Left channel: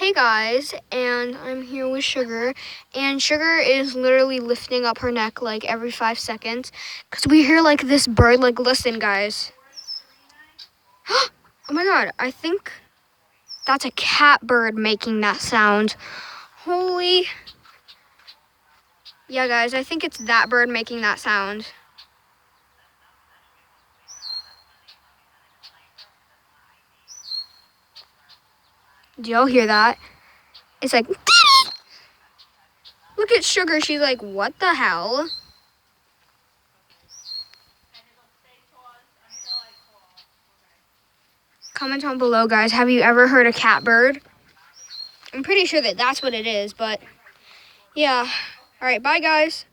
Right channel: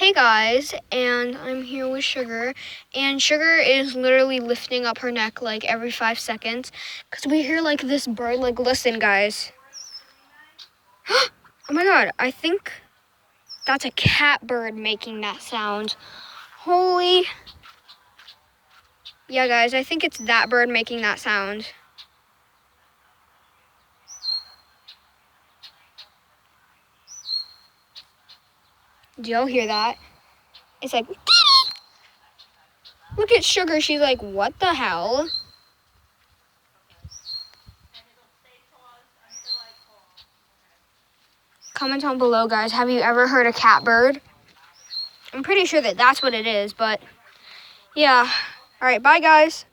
Hey guys, and I'm here with Sugar, and Sugar is literally lifting up her neck like every 5 seconds because we hear like this bird. Like, listen, guys. Oh my god, I think that's a catbird making that sound. Holy. Yeah, guys, I think it's that bird making that sound. Do y'all hear that? It's like, look at Sugar. She's like, what the hell? Comment down below, guys. Have you ever heard a catbird? I'm pretty sure that that's what it is, but yeah. All right, bye, guys.